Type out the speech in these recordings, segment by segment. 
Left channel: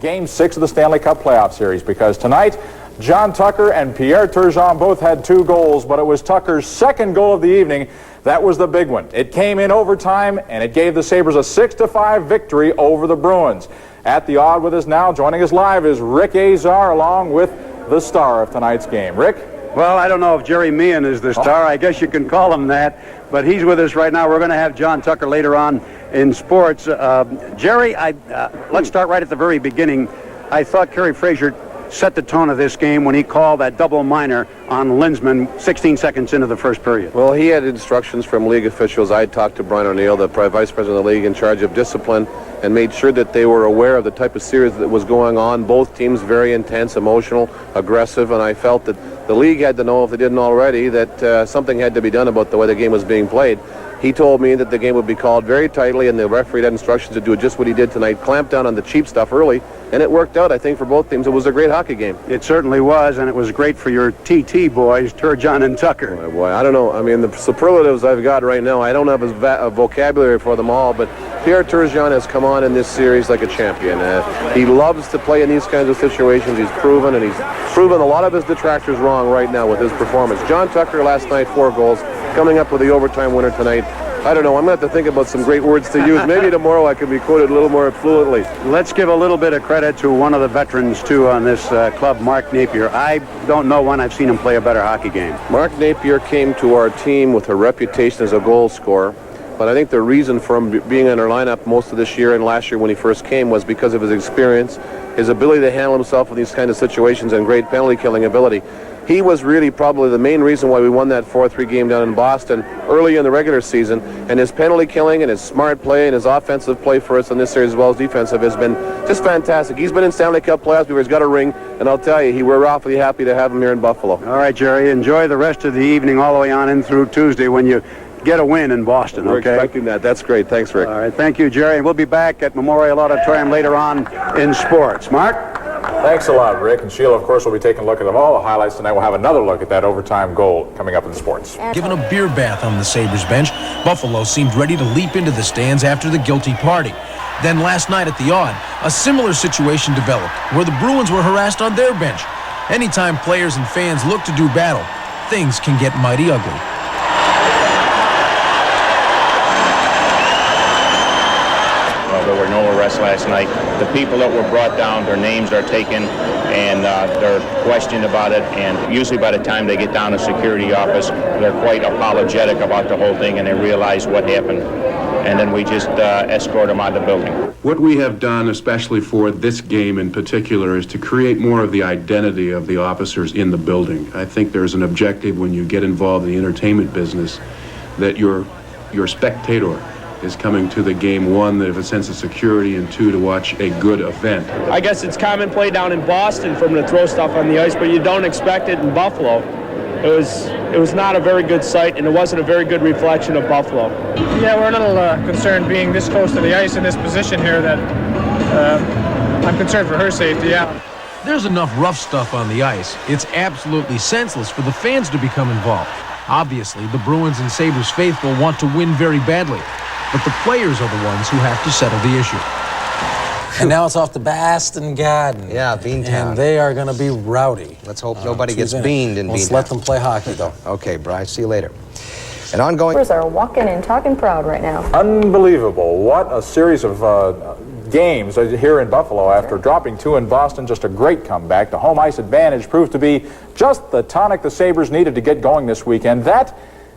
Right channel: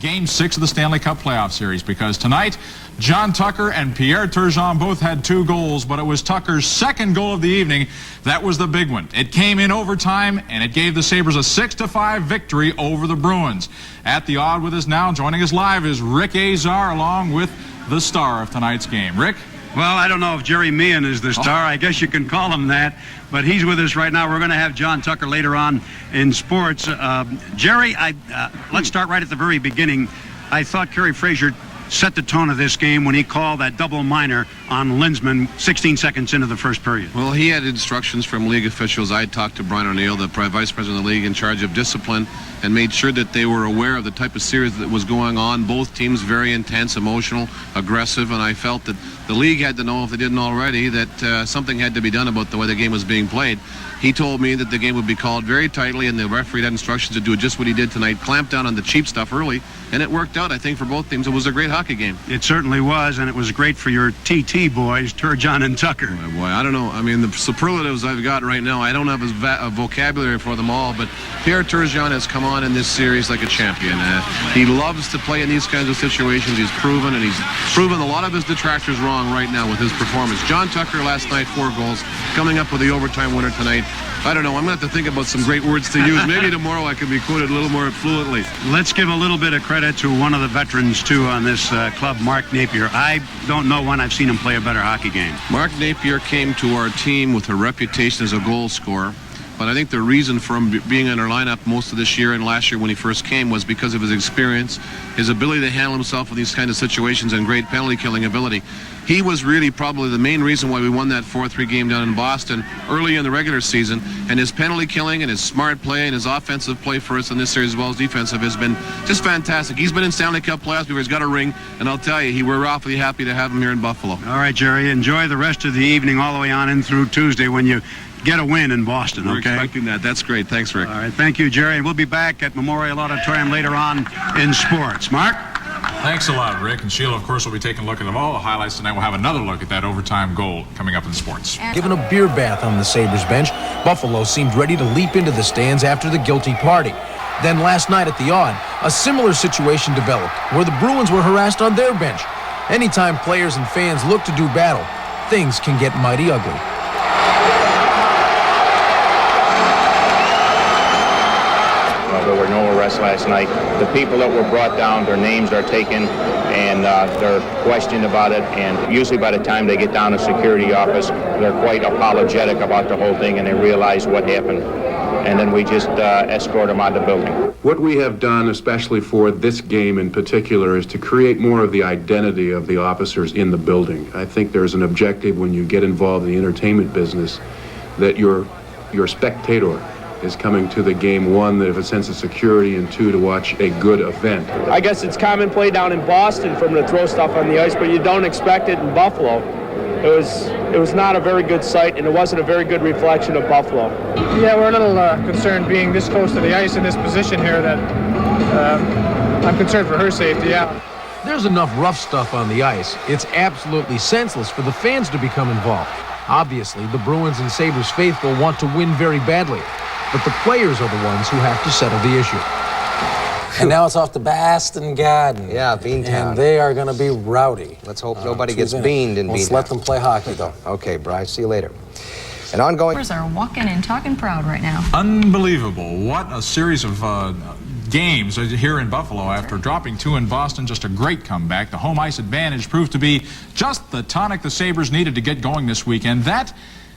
Game 6 of the Stanley Cup playoff series, because tonight, John Tucker and Pierre Turgeon both had 2 goals, but it was Tucker's second goal of the evening. That was the big one. It came in overtime, and it gave the Sabres a 6-5 victory over the Bruins. At the odd with us now, joining us live, is Rick Azar, along with the star of tonight's game. Rick? Well, I don't know if Jerry Meehan is the star. I guess you can call him that. But he's with us right now. We're going to have John Tucker later on in sports. Jerry, let's start right at the very beginning. I thought Kerry Fraser set the tone of this game when he called that double minor on Linsman 16 seconds into the first period. Well, he had instructions from league officials. I talked to Brian O'Neill, the vice president of the league in charge of discipline, and made sure that they were aware of the type of series that was going on. Both teams very intense, emotional, aggressive, and I felt that the league had to know, if they didn't already, that something had to be done about the way the game was being played. He told me that the game would be called very tightly, and the referee had instructions to do just what he did tonight, clamp down on the cheap stuff early, and it worked out, I think, for both teams. It was a great hockey game. It certainly was, and it was great for your TT boys, Turgeon and Tucker. Oh, boy, I don't know. I mean, the superlatives I've got right now, I don't have a vocabulary for them all, but Pierre Turgeon has come on in this series like a champion. He loves to play in these kinds of situations. He's proven, and he's proven a lot of his detractors wrong right now with his performance. John Tucker last night, 4 goals, coming up with the overtime winner tonight. I don't know. I'm going to have to think about some great words to use. Maybe tomorrow I can be quoted a little more fluently. Let's give a little bit of credit to one of the veterans, too, on this club, Mark Napier. I don't know when I've seen him play a better hockey game. Mark Napier came to our team with a reputation as a goal scorer. But I think the reason for him being in our lineup most of this year and last year when he first came was because of his experience, his ability to handle himself in these kind of situations, and great penalty killing ability. He was really probably the main reason why we won that 4-3 game down in Boston early in the regular season. And his penalty killing and his smart play and his offensive play for us in this series as well as defensive has been just fantastic. He's been in Stanley Cup playoffs before. He's got a ring, and I'll tell you, we're awfully happy to have him here in Buffalo. All right, Jerry, enjoy the rest of the evening all the way on in through Tuesday when you get a win in Boston, okay? We're expecting that. That's great. Thanks, Rick. All right, thank you, Jerry. And we'll be back at Memorial Auditorium later on in sports. Mark? Thanks a lot, Rick. And Sheila, of course, will be taking a look at all the highlights tonight. We'll have another look at that overtime goal coming up in sports. Given a beer bath on the Sabres bench, Buffalo seemed ready to leap into the stands after the guilty party. Then last night at the odd, a similar situation developed where the Bruins were harassed on their bench. Anytime players and fans look to do battle, things can get mighty ugly. There were no arrests last night. The people that were brought down, their names are taken, and they're questioned about it. And usually by the time they get down to security office, they're quite apologetic about the whole thing, and they realize what happened. And then we just escort them out of the building. What we have done, especially for this game in particular, is to create more of the identity of the officers in the building. I think there's an objective when you get involved in the entertainment business that your spectator is coming to the game, one, that have a sense of security, and 2, to watch a good event. I guess it's common play down in Boston for them to throw stuff on the ice, but you don't expect it in Buffalo. It was not a very good sight, and it wasn't a very good reflection of Buffalo. Yeah, we're a little concerned being this close to the ice in this position here that I'm concerned for her safety, yeah. There's enough rough stuff on the ice. It's absolutely senseless for the fans to become involved. Obviously, the Bruins and Sabres faithful want to win very badly, but the players are the ones who have to settle the issue. And now it's off to Boston Garden. Yeah, Beantown. And they are going to be rowdy. Let's hope nobody gets beaned in Beantown. Let's let them play hockey, though. Okay, Bryce, see you later. And ongoing... Sabres are walking and talking proud right now. Unbelievable. What a series of games here in Buffalo after dropping 2 in Boston. Just a great comeback. The home ice advantage proved to be just the tonic the Sabres needed to get going this weekend. That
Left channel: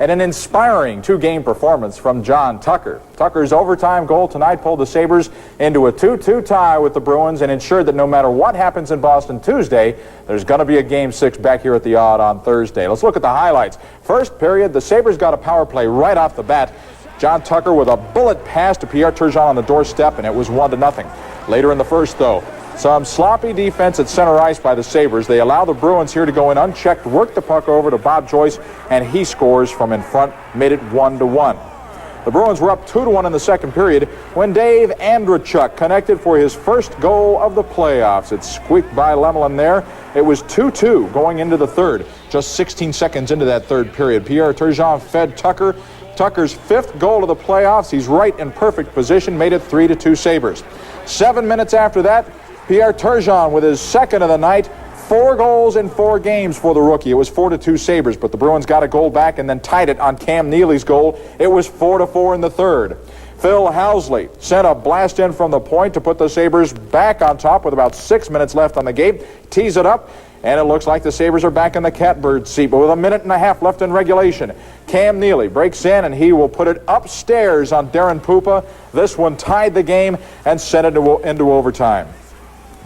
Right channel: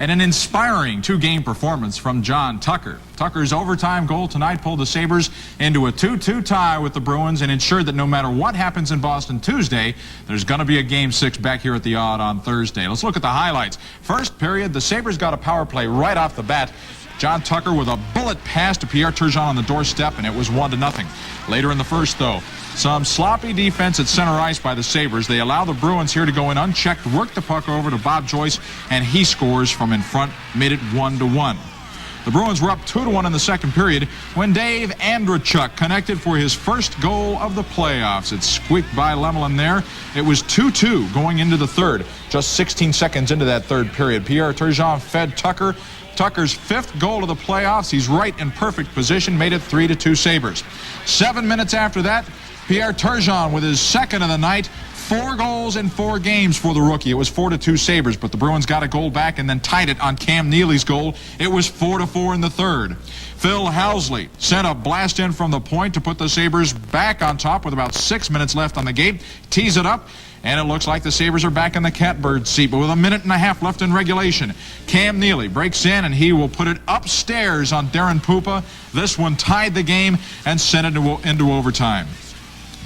and an inspiring 2-game performance from John Tucker. Tucker's overtime goal tonight pulled the Sabres into a 2-2 tie with the Bruins and ensured that no matter what happens in Boston Tuesday, there's going to be a Game 6 back here at the odd on Thursday. Let's look at the highlights. First period, the Sabres got a power play right off the bat. John Tucker with a bullet pass to Pierre Turgeon on the doorstep, and it was 1-0. Later in the first, though, some sloppy defense at center ice by the Sabres. They allow the Bruins here to go in unchecked, work the puck over to Bob Joyce, and he scores from in front, made it 1-1. The Bruins were up 2-1 in the second period when Dave Andrechuk connected for his first goal of the playoffs. It squeaked by Lemelin there. It was 2-2 going into the third. Just 16 seconds into that third period, Pierre Turgeon fed Tucker. Tucker's 5th goal of the playoffs. He's right in perfect position, made it 3-2 Sabres. 7 minutes after that, Pierre Turgeon with his second of the night. 4 goals in 4 games for the rookie. It was 4-2 Sabres, but the Bruins got a goal back and then tied it on Cam Neely's goal. It was 4-4 in the third. Phil Housley sent a blast in from the point to put the Sabres back on top with about 6 minutes left on the game. Tees it up, and it looks like the Sabres are back in the catbird seat, but with a minute and a half left in regulation. Cam Neely breaks in, and he will put it upstairs on Darren Pupa. This one tied the game and sent it into overtime.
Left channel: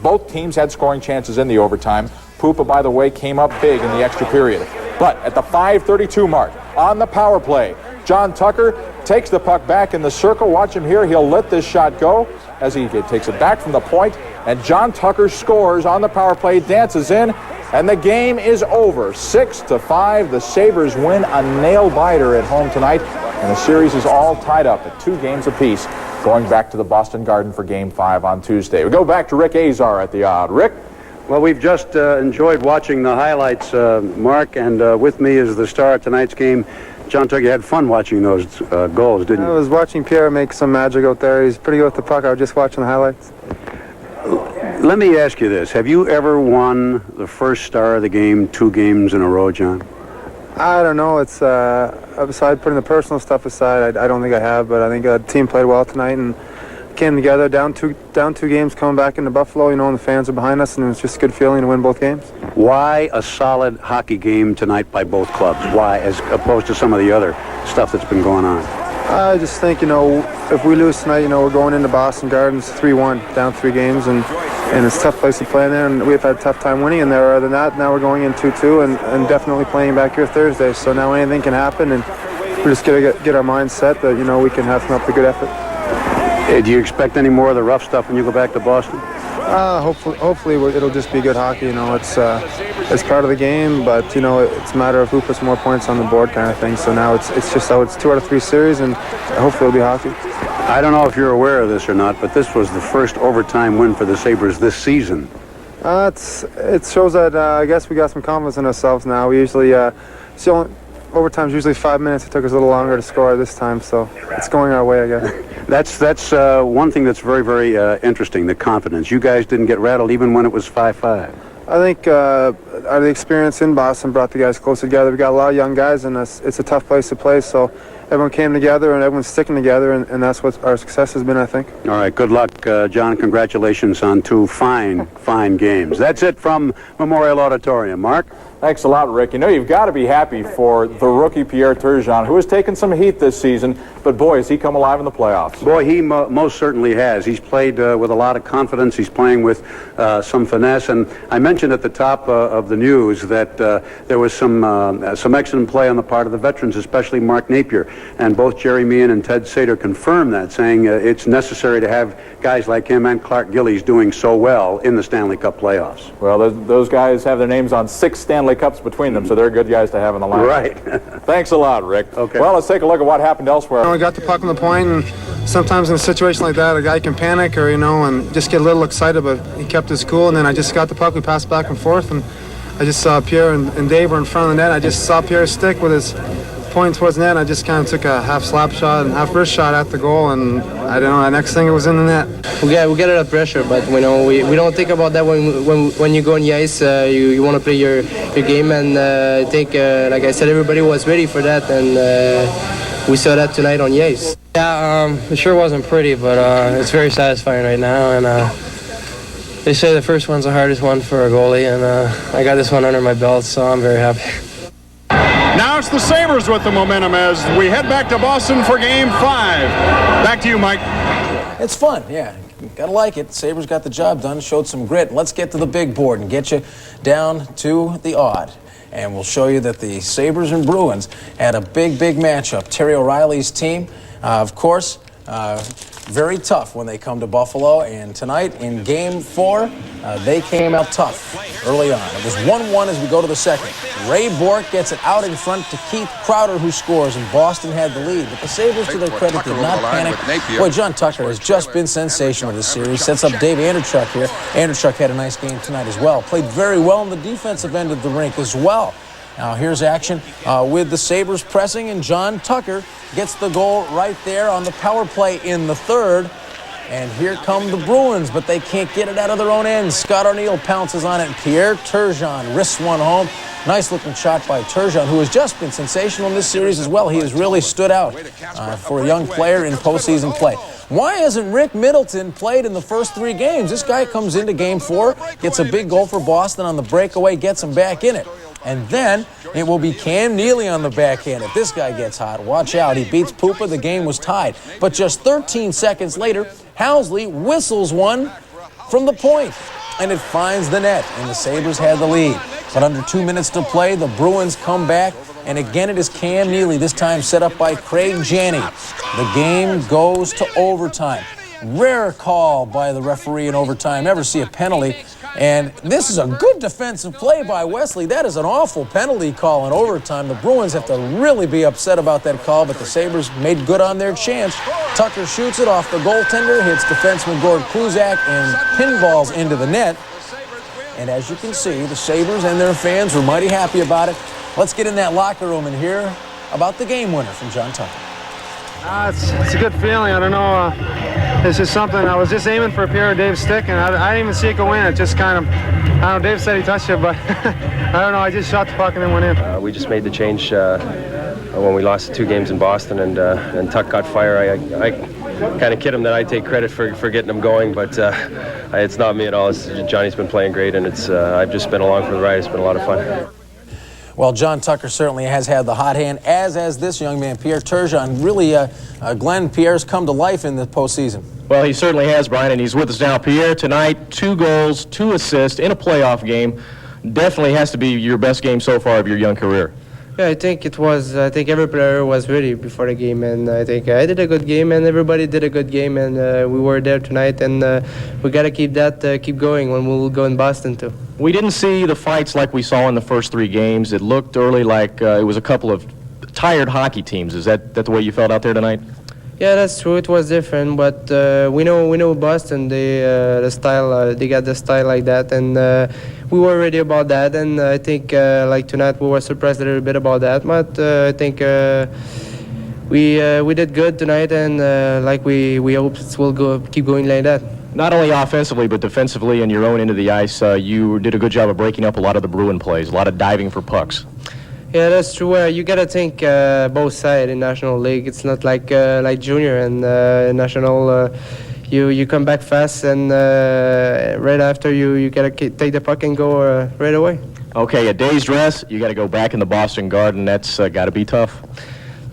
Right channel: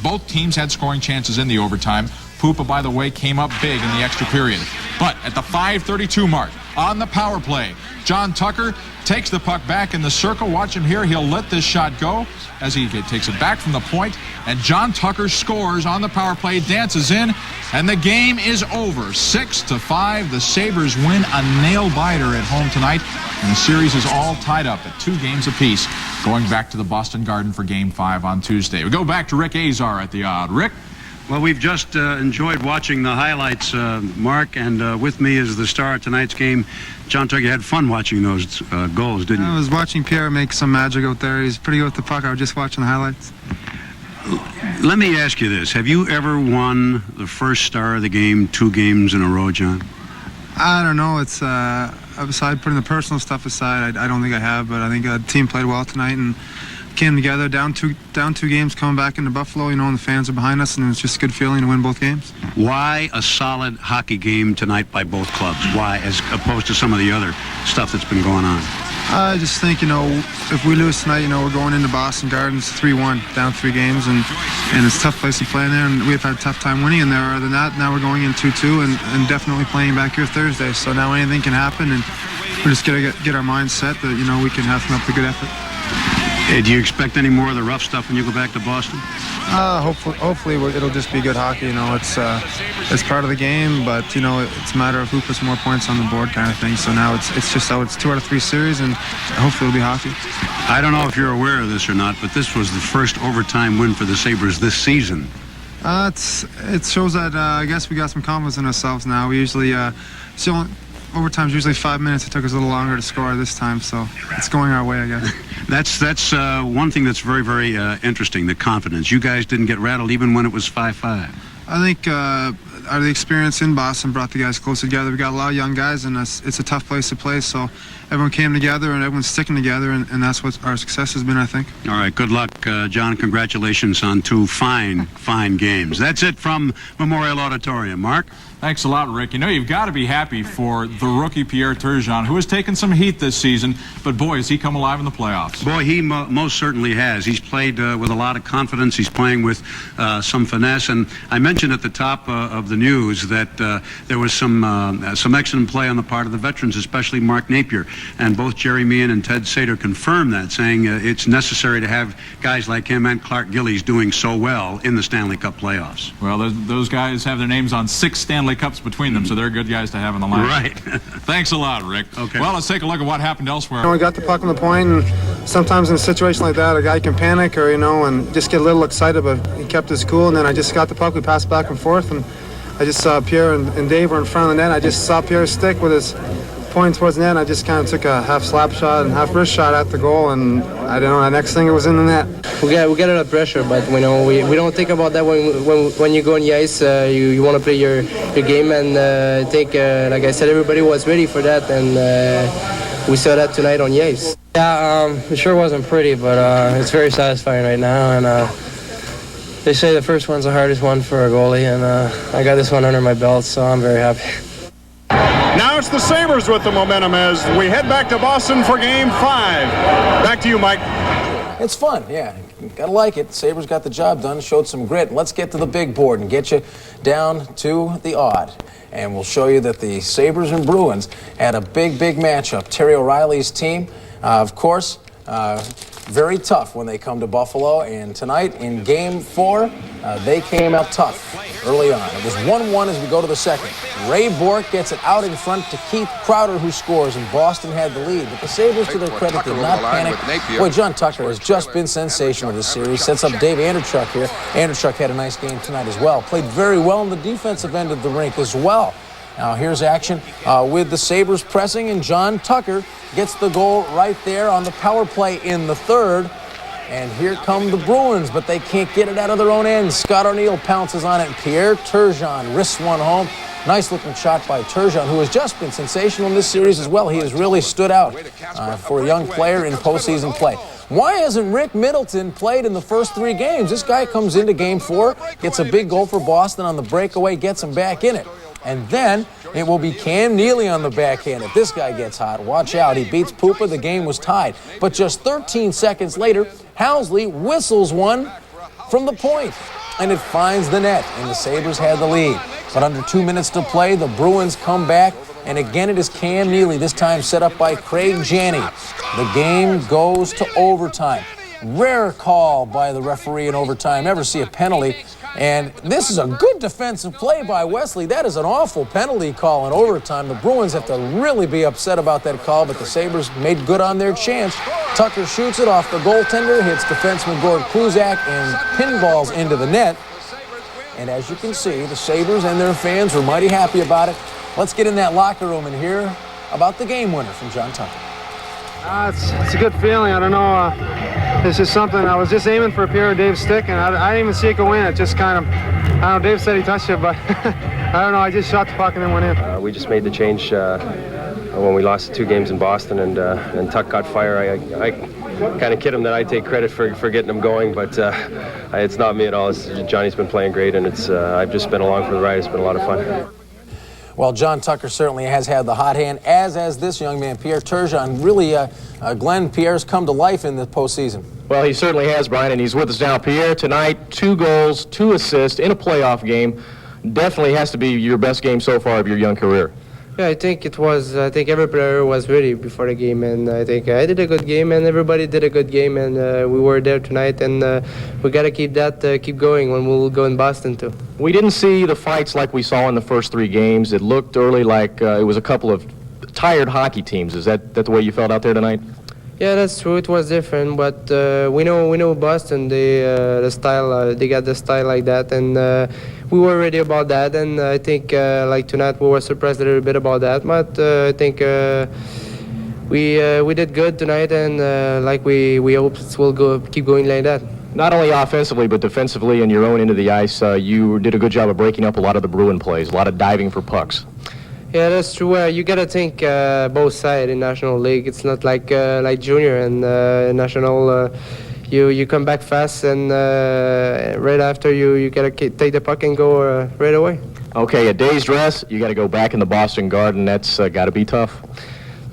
Both teams had scoring chances in the overtime. Pupa, by the way, came up big in the extra period. But at the 5:32 mark, on the power play, John Tucker takes the puck back in the circle. Watch him here. He'll let this shot go as he takes it back from the point. And John Tucker scores on the power play, dances in, and the game is over. 6-5. The Sabres win a nail-biter at home tonight, and the series is all tied up at 2 games apiece, going back to the Boston Garden for Game 5 on Tuesday. We go back to Rick Azar at the odd. Rick? Well, we've just enjoyed watching the highlights, Mark, and with me is the star of tonight's game, John Tucker. You had fun watching those goals, didn't you? I was watching Pierre make some magic out there. He's pretty good with the puck. I was just watching the highlights. Let me ask you this. Have you ever won the first star of the game 2 games in a row, John? I don't know. It's aside putting the personal stuff aside, I don't think I have, but I think the team played well tonight and came together, down two games, coming back into Buffalo, and the fans are behind us, and it was just a good feeling to win both games. Why a solid hockey game tonight by both clubs? Why, as opposed to some of the other stuff that's been going on? I just think, if we lose tonight, we're going into Boston Gardens 3-1, down 3 games, and it's a tough place to play in there, and we've had a tough time winning in there. Other than that, now we're going in 2-2 and definitely playing back here Thursday, so now anything can happen, and we're just going to get our minds set that, we can have come up with a good effort. Do you expect any more of the rough stuff when you go back to Boston? Hopefully it'll just be good hockey. It's part of the game, but it's a matter of who puts more points on the board, kind of thing. So now it's just 2 out of 3 series, and hopefully it'll be hockey. I don't know if you're aware of this or not, but this was the first overtime win for the Sabres this season. It shows that I guess we got some confidence in ourselves now. We usually overtime's usually 5 minutes. It took us a little longer to score this time, so it's going our way, I guess. That's one thing that's very, very interesting, the confidence. You guys didn't get rattled even when it was 5-5. I think the experience in Boston brought the guys closer together. We got a lot of young guys, and it's a tough place to play, so everyone came together, and everyone's sticking together, and that's what our success has been, I think. All right, good luck, John. Congratulations on 2 fine games. That's it from Memorial Auditorium. Mark? Thanks a lot, Rick. You've got to be happy for the rookie Pierre Turgeon, who has taken some heat this season, but boy, has he come alive in the playoffs. Boy, he most certainly has. He's played with a lot of confidence. He's playing with some finesse, and I mentioned at the top of the news that there was some excellent play on the part of the veterans, especially Mark Napier, and both Jerry Meehan and Ted Sater confirmed that, saying it's necessary to have guys like him and Clark Gillies doing so well in the Stanley Cup playoffs. Well, those guys have their names on 6 Stanley Cups between them, so they're good guys to have in the line. Right. Thanks a lot, Rick. Okay. Well, let's take a look at what happened elsewhere. We got the puck on the point, and sometimes in a situation like that, a guy can panic or, and just get a little excited, but he kept his cool, and then I just got the puck. We passed back and forth, and I just saw Pierre and Dave were in front of the net. I just saw Pierre's stick with his point towards the net. I just kind of took a half slap shot and half wrist shot at the goal, and I don't know, the next thing it was in the net. We get a lot of pressure, but we don't think about that when you go on the ice. You want to play your game, and I think, like I said, everybody was ready for that, and we saw that tonight on the ice. Yeah, it sure wasn't pretty, but it's very satisfying right now, and they say the first one's the hardest one for a goalie, and I got this one under my belt, so I'm very happy. Now it's the Sabres with the momentum as we head back to Boston for Game 5. Back to you, Mike. It's fun, yeah. Gotta like it. Sabres got the job done, showed some grit. Let's get to the big board and get you down to the odd. And we'll show you that the Sabres and Bruins had a big matchup. Terry O'Reilly's team, of course, very tough when they come to Buffalo, and tonight in Game 4, they came out tough early on. It was 1-1 as we go to the second. Ray Bourque gets it out in front to Keith Crowder, who scores, and Boston had the lead. But the Sabres, to their credit, did not panic. Boy, John Tucker has just been sensational this series. Sets up Dave Andrechuk here. Andrechuk had a nice game tonight as well. Played very well in the defensive end of the rink as well. Now here's action with the Sabres pressing, and John Tucker gets the goal right there on the power play in the third. And here come the Bruins, but they can't get it out of their own end. Scott O'Neill pounces on it, and Pierre Turgeon wrists one home. Nice-looking shot by Turgeon, who has just been sensational in this series as well. He has really stood out for a young player in postseason play. Why hasn't Rick Middleton played in the first 3 games? This guy comes into Game 4, gets a big goal for Boston on the breakaway, gets him back in it. And then it will be Cam Neely on the backhand. If this guy gets hot, watch out. He beats Pupa. The game was tied. But just 13 seconds later, Housley whistles one from the point, and it finds the net, and the Sabres had the lead. But under 2 minutes to play, the Bruins come back, and again it is Cam Neely, this time set up by Craig Janney. The game goes to overtime. Rare call by the referee in overtime. Never see a penalty. And this is a good defensive play by Wesley. That is an awful penalty call in overtime. The Bruins have to really be upset about that call, but the Sabres made good on their chance. Tucker shoots it off the goaltender, hits defenseman Gord Kluzak, and pinballs into the net. And as you can see, the Sabres and their fans were mighty happy about it. Let's get in that locker room and hear about the game winner from John Tucker. It's a good feeling. I don't know. It's just something. I was just aiming for a Pierre or Dave's stick, and I didn't even see it go in. It just kind of, I don't know, Dave said he touched it, but I don't know. I just shot the puck and then went in. We just made the change when we lost the 2 games in Boston, and Tuck caught fire. I kind of kid him that I take credit for getting him going, but it's not me at all. Johnny's been playing great, and I've just been along for the ride. It's been a lot of fun. Well, John Tucker certainly has had the hot hand, as has this young man, Pierre Turgeon. Really, Glenn, Pierre's come to life in the postseason. Well, he certainly has, Brian, and he's with us now. Pierre, tonight, 2 goals, 2 assists in a playoff game. Definitely has to be your best game so far of your young career. Yeah, I think it was. I think every player was ready before the game, and I think I did a good game, and everybody did a good game, and we were there tonight, and we got to keep going when we'll go in Boston too. We didn't see the fights like we saw in the first 3 games. It looked early like it was a couple of tired hockey teams. Is that the way you felt out there tonight? Yeah, that's true. It was different, but we know Boston. They the style. They got the style like that, and we were ready about that. And I think like tonight we were surprised a little bit about that, but I think we did good tonight, and like we hope we'll keep going like that. Not only offensively, but defensively in your own end of the ice, you did a good job of breaking up a lot of the Bruin plays, a lot of diving for pucks. Yeah, that's true. You gotta think both sides in National League. It's not like junior and national. You come back fast, and right after you gotta take the puck and go right away. Okay, a day's rest. You got to go back in the Boston Garden. That's got to be tough.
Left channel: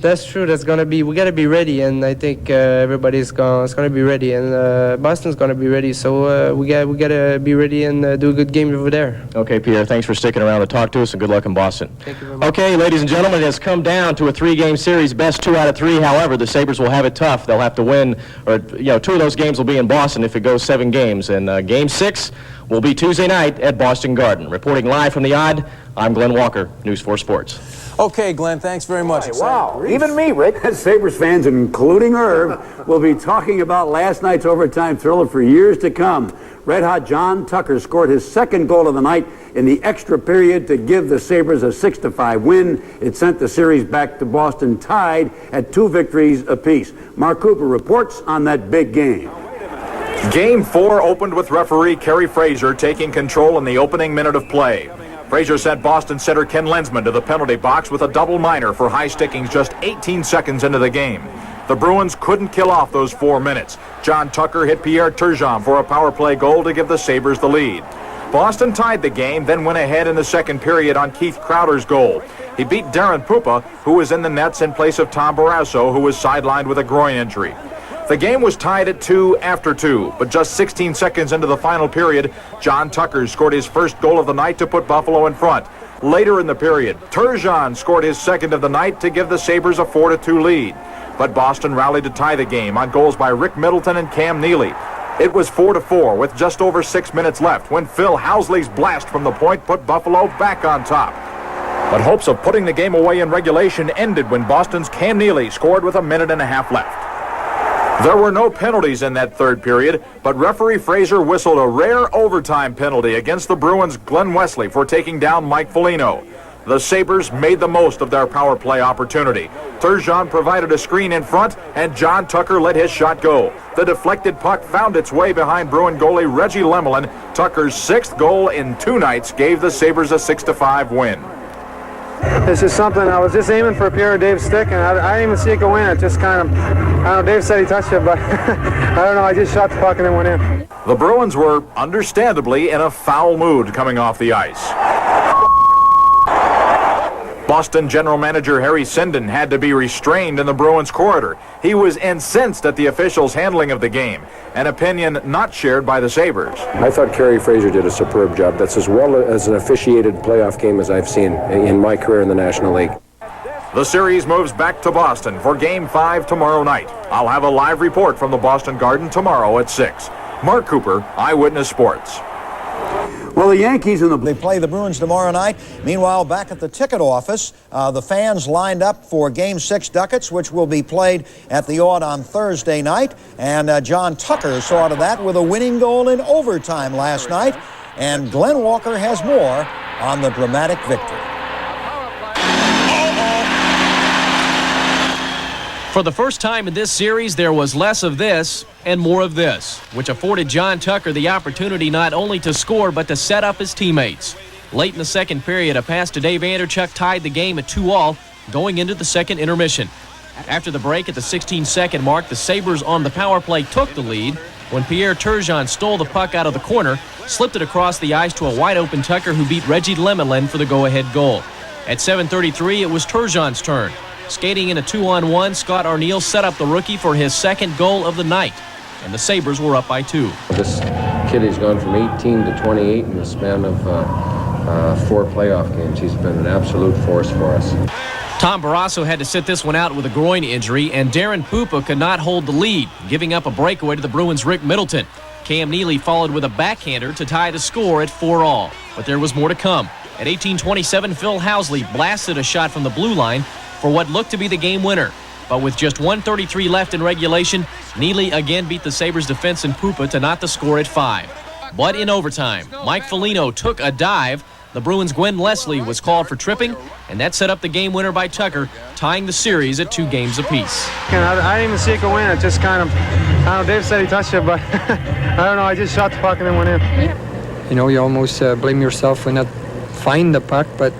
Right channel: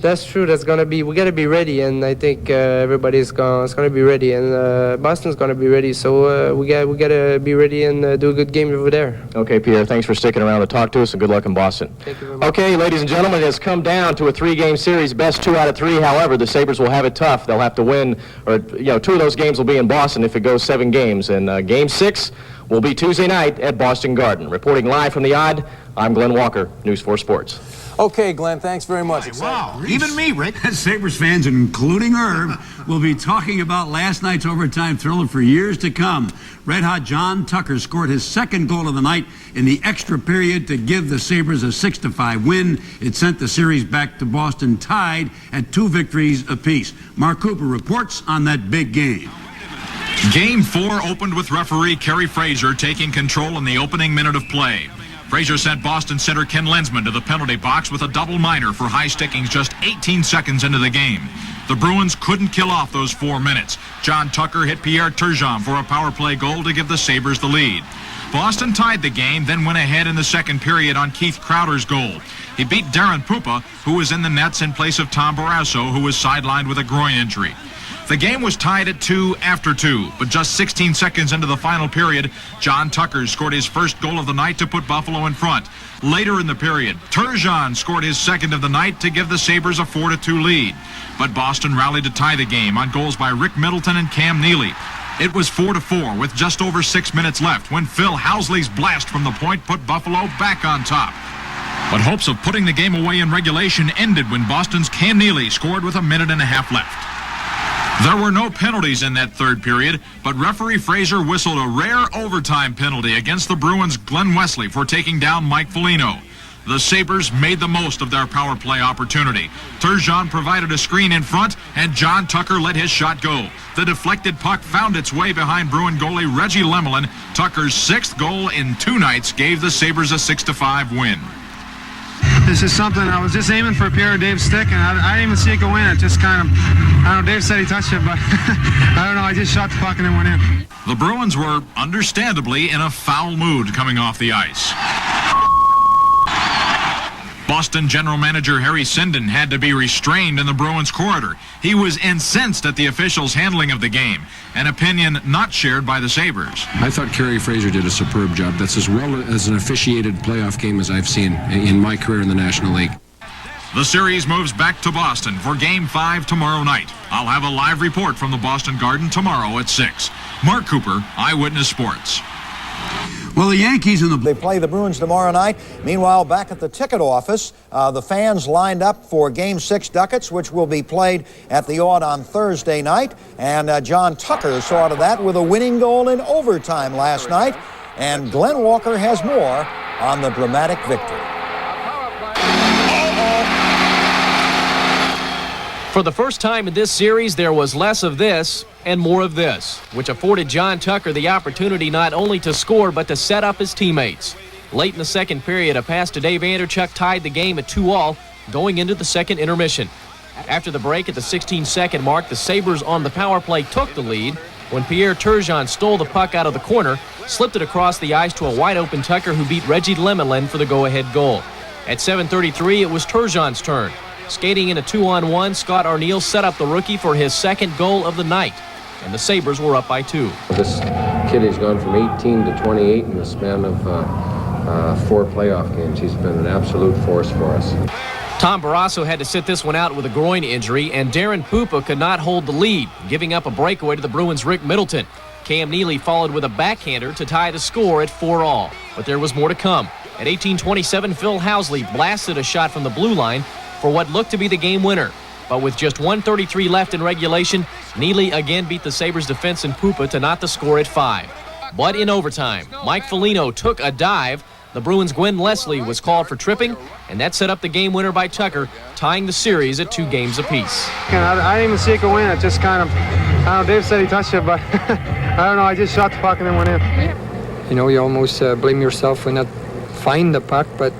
That's true. We gotta be ready, and I think everybody's gonna be ready, and Boston's gonna be ready. So we gotta be ready and do a good game over there. Okay, Pierre. Thanks for sticking around to talk to us, and good luck in Boston. Thank you very much. Okay, ladies and gentlemen, it has come down to a 3-game series, best 2 out of 3. However, the Sabres will have it tough. They'll have to win, or 2 of those games will be in Boston if it goes 7 games, and Game 6 will be Tuesday night at Boston Garden. Reporting live from the Odd, I'm Glenn Walker, News 4 Sports. Okay, Glenn, thanks very much. Wow, even me, Rick. Sabres fans, including Irv, will be talking about last night's overtime thriller for years to come. Red-hot John Tucker scored his 2nd goal of the night in the extra period to give the Sabres a 6-5 win. It sent the series back to Boston tied at 2 victories apiece. Mark Cooper reports on that big game. Game 4 opened with referee Kerry Fraser taking control in the opening minute of play. Fraser sent Boston center Ken Lensman to the penalty box with a double minor for high stickings just 18 seconds into the game. The Bruins couldn't kill off those 4 minutes. John Tucker hit Pierre Turgeon for a power play goal to give the Sabres the lead. Boston tied the game, then went ahead in the second period on Keith Crowder's goal. He beat Darren Pupa, who was in the nets in place of Tom Barrasso, who was sidelined with a groin injury. The game was tied at 2 after 2, but just 16 seconds into the final period, John Tucker scored his first goal of the night to put Buffalo in front. Later in the period, Turgeon scored his 2nd of the night to give the Sabres a 4-2 lead. But Boston rallied to tie the game on goals by Rick Middleton and Cam Neely. It was 4-4 with just over 6 minutes left when Phil Housley's blast from the point put Buffalo back on top. But hopes of putting the game away in regulation ended when Boston's Cam Neely scored with 1.5 minutes left. There were no penalties in that 3rd period, but referee Fraser whistled a rare overtime penalty against the Bruins' Glenn Wesley for taking down Mike Foligno. the Sabres made the most of their power play opportunity. Turgeon provided a screen in front, and John Tucker let his shot go. The deflected puck found its way behind Bruin goalie Reggie Lemelin. Tucker's 6th goal in 2 nights gave the Sabres a 6-5 win. It's just something, I was just aiming for Pierre Dave's stick, and I didn't even see it go in. It just kind of, I don't know, Dave said he touched it, but I don't know, I just shot the puck and it went in. The Bruins were understandably in a foul mood coming off the ice. Boston general manager Harry Sinden had to be restrained in the Bruins corridor. He was incensed at the officials' handling of the game, an opinion not shared by the Sabres. I thought Kerry Fraser did a superb job. That's as well as an officiated playoff game as I've seen in my career in the National League. The series moves back to Boston for Game 5 tomorrow night. I'll have a live report from the Boston Garden tomorrow at 6. Mark Cooper, Eyewitness Sports. Well, the Yankees they play the Bruins tomorrow night. Meanwhile, back at the ticket office, the fans lined up for Game 6 Ducats, which will be played at the Odd on Thursday night. And John Tucker saw to that with a winning goal in overtime last night. And Glenn Walker has more on the dramatic victory. For the first time in this series, there was less of this and more of this, which afforded John Tucker the opportunity not only to score but to set up his teammates. Late in the second period, a pass to Dave Anderchuk tied the game at 2-2 going into the second intermission. After the break at the 16-second mark, the Sabres on the power play took the lead when Pierre Turgeon stole the puck out of the corner, slipped it across the ice to a wide-open Tucker who beat Reggie Lemelin for the go-ahead goal. At 7:33, it was Turgeon's turn. Skating in a 2-on-1, Scott Arniel set up the rookie for his second goal of the night, and the Sabres were up by 2. This kid has gone from 18 to 28 in the span of 4 playoff games. He's been an absolute force for us. Tom Barrasso had to sit this one out with a groin injury, and Darren Pupa could not hold the lead, giving up a breakaway to the Bruins' Rick Middleton. Cam Neely followed with a backhander to tie the score at 4-4, but there was more to come. At 18:27, Phil Housley blasted a shot from the blue line for what looked to be the game winner. But with just 1:33 left in regulation, Neely again beat the Sabres defense and Pupa to knot the score at 5. But in overtime, Mike Foligno took a dive. The Bruins' Gwen Leslie was called for tripping, and that set up the game winner by Tucker, tying the series at 2 games apiece. I didn't even see it go in. It just kind of, I don't know, Dave said he touched it, but I don't know, I just shot the puck and then went in. You know, you almost blame yourself for not finding the puck, but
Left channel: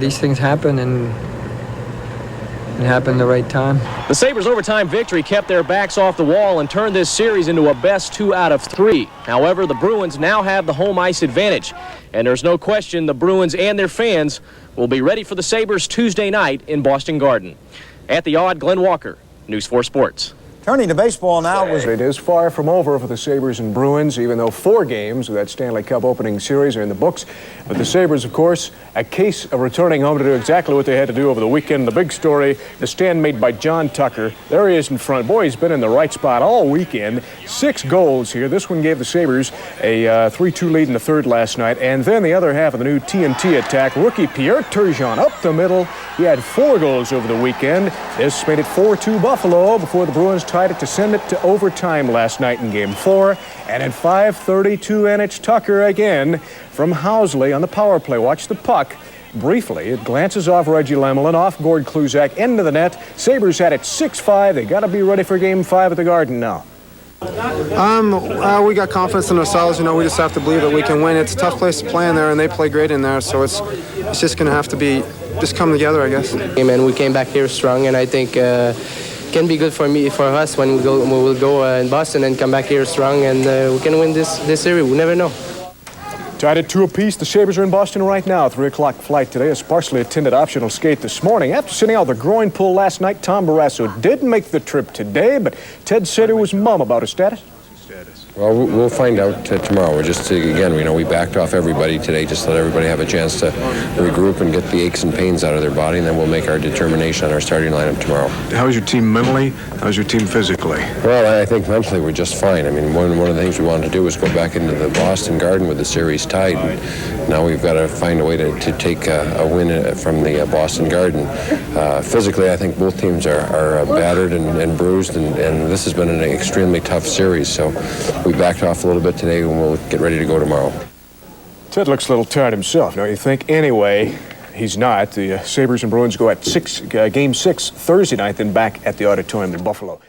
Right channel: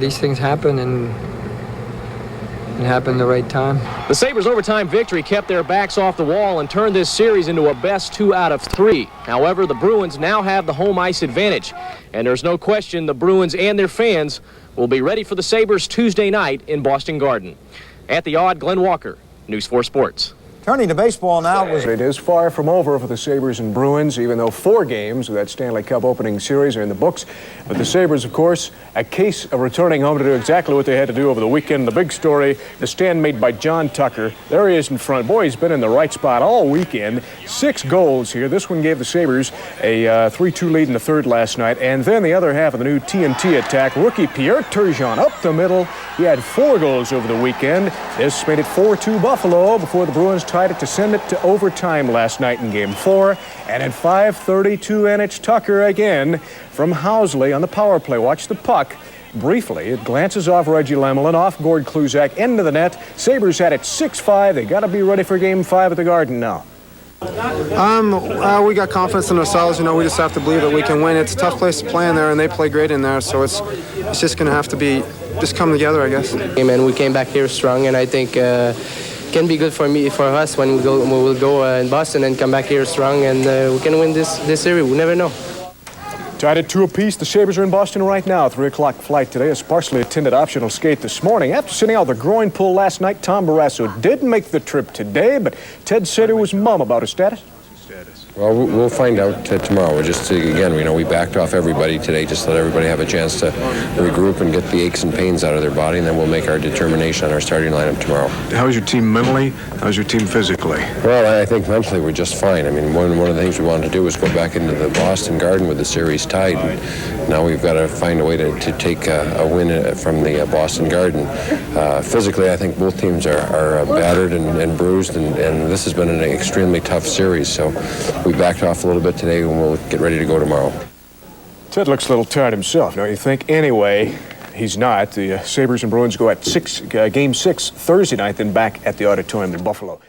these things happen, and it happened the right time. The Sabres' overtime victory kept their backs off the wall and turned this series into a best 2 out of 3. However, the Bruins now have the home ice advantage, and there's no question the Bruins and their fans will be ready for the Sabres Tuesday night in Boston Garden. At the Odd, Glenn Walker, News 4 Sports. Turning to baseball now. It is far from over for the Sabres and Bruins, even though 4 games of that Stanley Cup opening series are in the books. But the Sabres, of course, a case of returning home to do exactly what they had to do over the weekend. The big story, the stand made by John Tucker. There he is in front. Boy, he's been in the right spot all weekend. 6 goals here. This one gave the Sabres a 3-2 lead in the third last night. And then the other half of the new TNT attack, rookie Pierre Turgeon up the middle. He had 4 goals over the weekend. This made it 4-2 Buffalo before the Bruins tied it to send it to overtime last night in Game 4. And at 5:32, and it's Tucker again from Housley on the power play. Watch the puck. Briefly, it glances off Reggie Lemelin, off Gord Kluzak, into the net. Sabres had it 6-5. They got to be ready for Game 5 at the Garden now. We got confidence in ourselves. You know, we just have to believe that we can win. It's a tough place to play in there, and they play great in there. So it's just going to have to be just come together, I guess. And we came back here strong, and I think can be good for us when we will go in Boston and come back here strong, and we can win this series. We never know. Tied at 2 apiece. The Sabres are in Boston right now. 3 o'clock flight today. A sparsely attended optional skate this morning. After sitting out the groin pull last night, Tom Barrasso did make the trip today, but Ted said it was mum about his status. Well, we'll find out tomorrow. We're just, again, we backed off everybody today, just let everybody have a chance to regroup and get the aches and pains out of their body, and then we'll make our determination on our starting lineup tomorrow. How's your team mentally? How's your team physically? Well, I think mentally we're just fine. I mean, one of the things we wanted to do was go back into the Boston Garden with the series tied. And now we've got to find a way to take a win from the Boston Garden. Physically, I think both teams are battered and bruised, and this has been an extremely tough series, so we backed off a little bit today, and we'll get ready to go tomorrow. Ted looks a little tired himself, don't you think? Anyway, he's not. The Sabres and Bruins go at Game 6 Thursday night, then back at the Auditorium in Buffalo.